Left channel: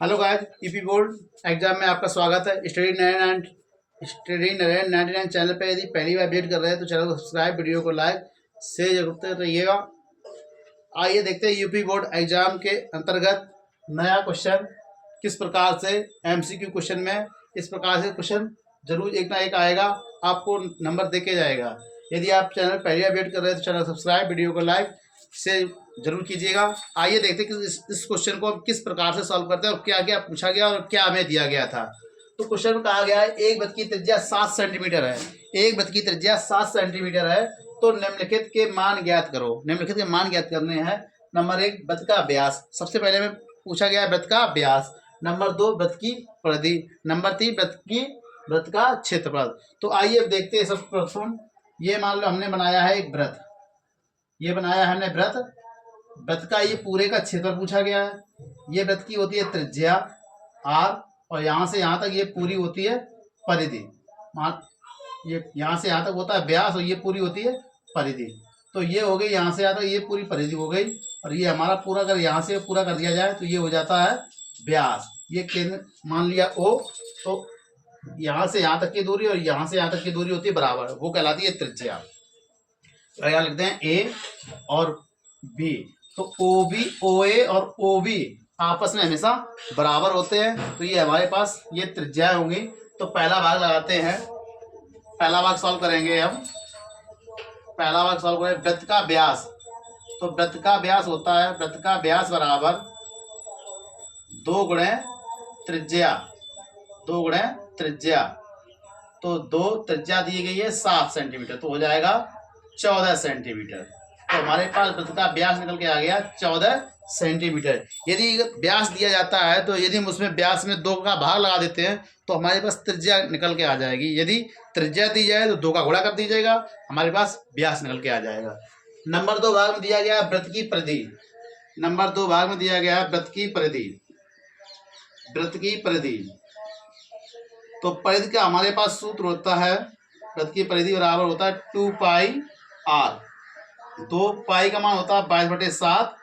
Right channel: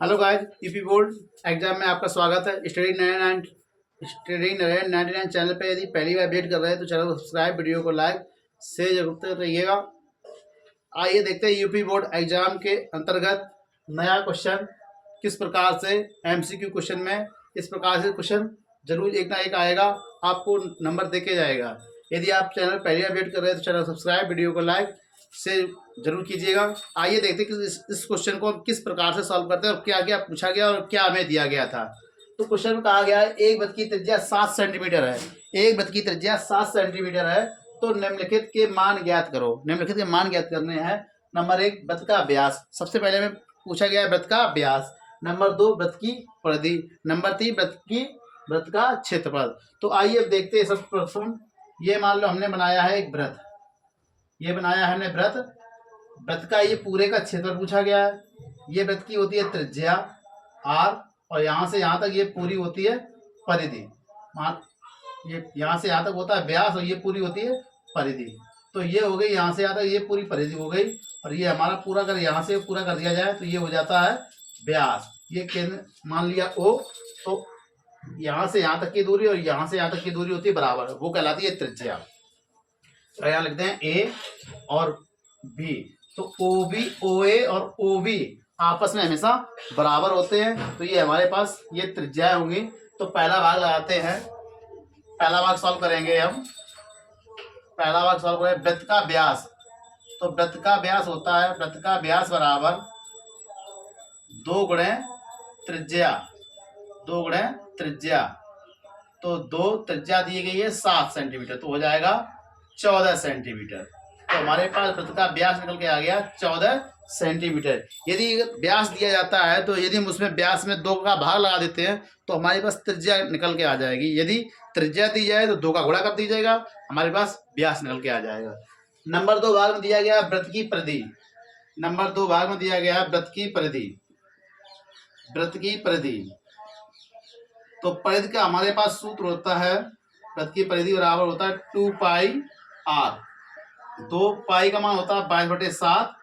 Hello guys, UP board exam में आपका स्वागत है। स्टडी 99 चैनल पे यदि पहली बार विजिट कर रहे हैं तो चैनल को सब्सक्राइब, वीडियो को लाइक शेयर जरूर करते रहिएगा। आइए देखते हैं यूपी बोर्ड एग्जाम के अंतर्गत नया क्वेश्चन किस प्रकार से एमसीक्यू क्वेश्चन में इस प्रकार से क्वेश्चन जरूर एक ना एक आएगा, आपको नंबर देके जाएगा। यदि आप चैनल पहली बार विजिट कर रहे हैं तो चैनल सब्सक्राइब, वीडियो को लाइक से जरूर कीजिएगा। आइए देखते हैं कि इस क्वेश्चन को हम किस प्रकार से सॉल्व करते हैं और क्या क्या पूछा गया और क्या हमें दिया गया था। तो क्वेश्चन में कहा गया है एक वृत्त की त्रिज्या 7 सेंटीमीटर है। एक वृत्त की त्रिज्या 7 सेंटीमीटर है तो निम्नलिखित के मान ज्ञात करो। निम्नलिखित के मान ज्ञात करने हैं। नंबर 1 वृत्त का व्यास, सबसे पहले में पूछा गया है वृत्त का व्यास। नंबर 2 वृत्त की परिधि। नंबर 3 वृत्त का क्षेत्रफल। तो आइए अब देखते हैं। सब प्रथम ये मान लो हमने बनाया है एक वृत्त, ये बनाया है हमने वृत्त। वृत्त का ये पूरे का क्षेत्रफल पूछा गया है। ये वृत्त की होती है त्रिज्या r और यहाँ से यहाँ तक ये पूरी होती है परिधि। मान ये यहाँ से यहाँ तक होता है व्यास और ये पूरी होती है परिधि। तो ये हो गई यहाँ से यहाँ तक ये पूरी परिधि हो गई और ये हमारा पूरा अगर यहाँ से पूरा कर दिया जाए तो ये हो जाता है व्यास। ये केंद्र मान लिया O, तो यहाँ से यहाँ तक की दूरी और यहाँ से यहाँ तक की दूरी होती है बराबर, वो कहलाती है त्रिज्या। तो यहाँ लिखते हैं A और B। तो OB, OA और OB आपस में हमेशा बराबर होते हैं। तो ये हमारे पास ये त्रिज्याएं होंगी। तो पहला भाग लगाते हैं, पहला भाग सॉल्व करेंगे हम। पहला भाग सॉल्व करें वृत्त का व्यास। तो वृत्त का व्यास होता है, वृत्त का व्यास बराबर 2 गुणे त्रिज्या, 2 गुणे त्रिज्या। तो 2 त्रिज्या दी गई है 7 सेंटीमीटर, तो हो जाएगा 14 सेंटीमीटर। तो हमारे पास वृत्त का व्यास निकल के आ गया 14 सेंटीमीटर। यदि व्यास दिया जाता है तो यदि हम उसमें व्यास में 2 का भाग लगा देते हैं तो हमारे पास त्रिज्या निकल के आ जाएगी। यदि त्रिज्या दी जाए तो 2 का गुणा कर दीजिएगा, हमारे पास व्यास निकल के आ जाएगा। नंबर 2 भाग में दिया गया वृत्त की परिधि। नंबर 2 भाग में दिया गया वृत्त की परिधि। वृत्त की परिधि, तो परिधि का हमारे पास सूत्र होता है, वृत्त की परिधि बराबर होता है 2 पाई r। 2 पाई का मान होता है 22/7।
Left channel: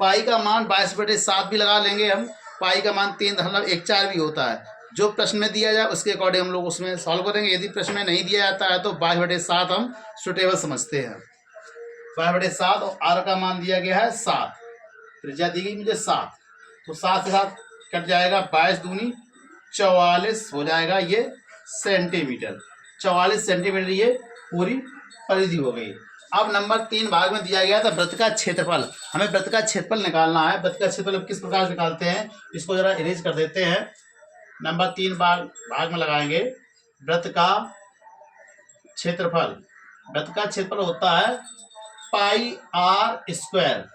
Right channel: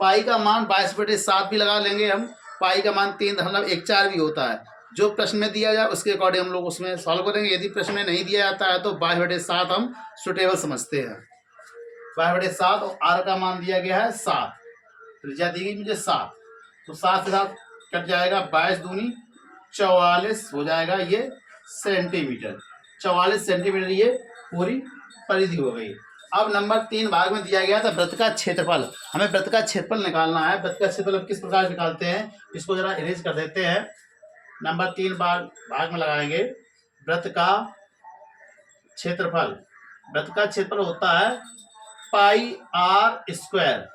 पाई का मान 22/7 भी लगा लेंगे हम। पाई का मान 3.14 भी होता है। जो प्रश्न में दिया जाए उसके अकॉर्डिंग हम लोग उसमें सॉल्व करेंगे। यदि प्रश्न में नहीं दिया जाता है तो 22/7 हम सुटेबल समझते हैं। 22/7 और r का मान दिया गया है 7, त्रिज्या दी गई मुझे 7। तो 7 से 7 कट जाएगा, 22 दूनी 44 हो जाएगा ये सेंटीमीटर। 44 सेंटीमीटर ये पूरी परिधि हो गई। अब नंबर 3 भाग में दिया गया था वृत्त का क्षेत्रफल। हमें वृत्त का क्षेत्रफल निकालना है। वृत्त का क्षेत्रफल किस प्रकार निकालते हैं, इसको जरा इरेज कर देते हैं। नंबर 3 भाग में लगाएंगे वृत्त का क्षेत्रफल। वृत्त का क्षेत्रफल होता है पाई r स्क्वायर।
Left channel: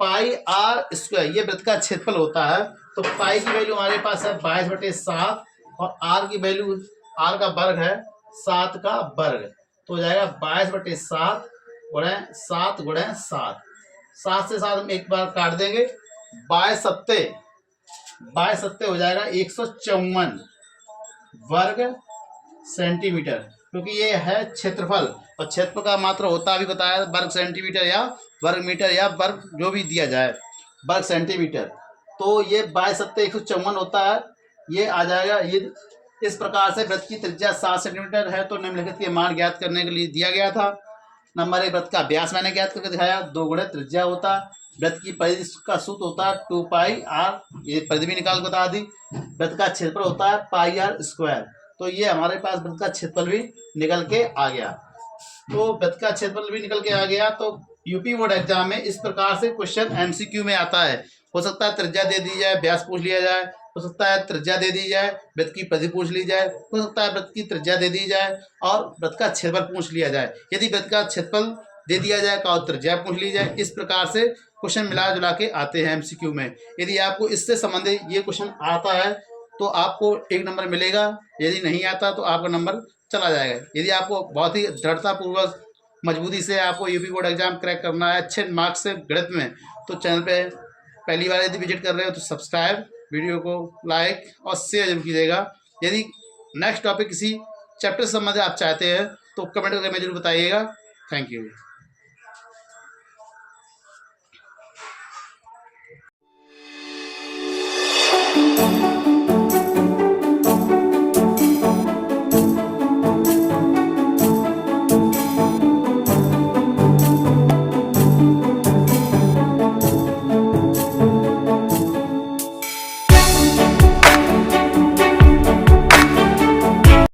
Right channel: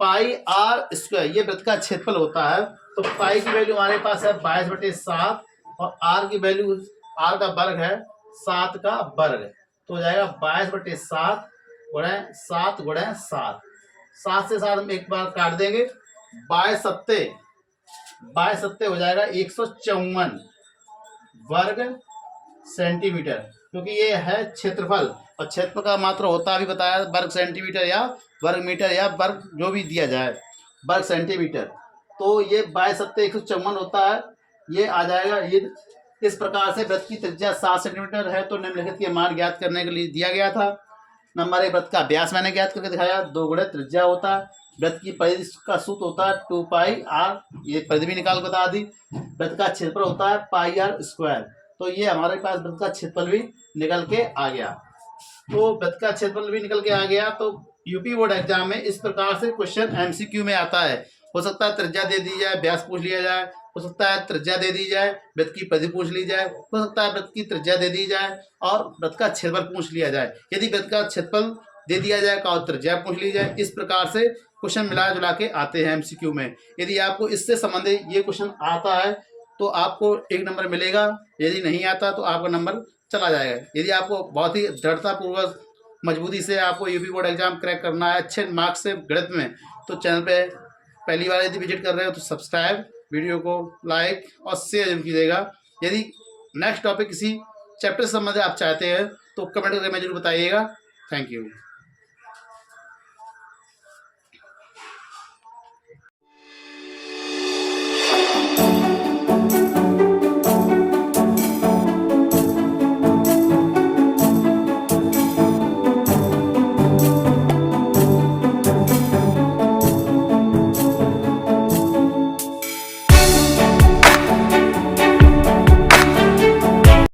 पाई r स्क्वायर ये वृत्त का क्षेत्रफल होता है। तो पाई की वैल्यू हमारे पास है 22/7 और r की वैल्यू, r का वर्ग है 7 का वर्ग, तो हो जाएगा 22/7 गुणे 7 गुणे 7। 7 से 7 हम एक बार काट देंगे, 22 सत्ते हो जाएगा 154 वर्ग सेंटीमीटर, क्योंकि ये है क्षेत्रफल और क्षेत्रफल का मात्रा होता अभी बताया वर्ग सेंटीमीटर या वर्ग मीटर या वर्ग जो भी दिया जाए, वर्ग सेंटीमीटर। तो ये 22 सत्ते 154 होता है, ये आ जाएगा। ये इस प्रकार से वृत्त की त्रिज्या 7 सेंटीमीटर है। तो निम्नलिखित के मान ज्ञात करने के लिए दिया गया था। नंबर 1 वृत्त का व्यास मैंने ज्ञात करके दिखाया, 2 गुणे त्रिज्या होता है। वृत्त की परिधि का सूत्र होता है 2 पाई r, ये परिधि भी निकाल बता दी। वृत्त का क्षेत्रफल होता है पाई r स्क्वायर। तो ये हमारे पास वृत्त का क्षेत्रफल भी निकल के आ गया। तो वृत्त का क्षेत्रफल भी निकल के आ गया। तो यूपी बोर्ड एग्जाम में इस प्रकार से क्वेश्चन एमसीक्यू में आता है। हो सकता है त्रिज्या दे दी जाए, व्यास पूछ लिया जाए, हो सकता है त्रिज्या दे दी जाए, वृत्त की परिधि पूछ ली जाए, हो सकता है वृत्त की त्रिज्या दे दी जाए और वृत्त का क्षेत्रफल पूछ लिया जाए। यदि वृत्त का क्षेत्रफल दे दिया जाए और त्रिज्या पूछ ली जाए, इस प्रकार से क्वेश्चन मिला जुला के आते हैं एमसीक्यू में। यदि आपको इससे संबंधित ये क्वेश्चन आता है तो आपको 1 नंबर मिलेगा, यदि नहीं आता तो आपका नंबर चला जाएगा। यदि आपको बहुत ही दृढ़तापूर्वक मजबूती से आपको यूपी बोर्ड एग्जाम क्रैक करना है अच्छे मार्क्स से गणित में, तो चैनल पे पहली बार यदि विजिट कर रहे हो तो सब्सक्राइब, वीडियो को लाइक और शेयर जरूर कीजिएगा। यदि नेक्स्ट टॉपिक किसी चैप्टर से संबंधित आप चाहते हैं तो कमेंट करके मैं जरूर बताइएगा। Thank you.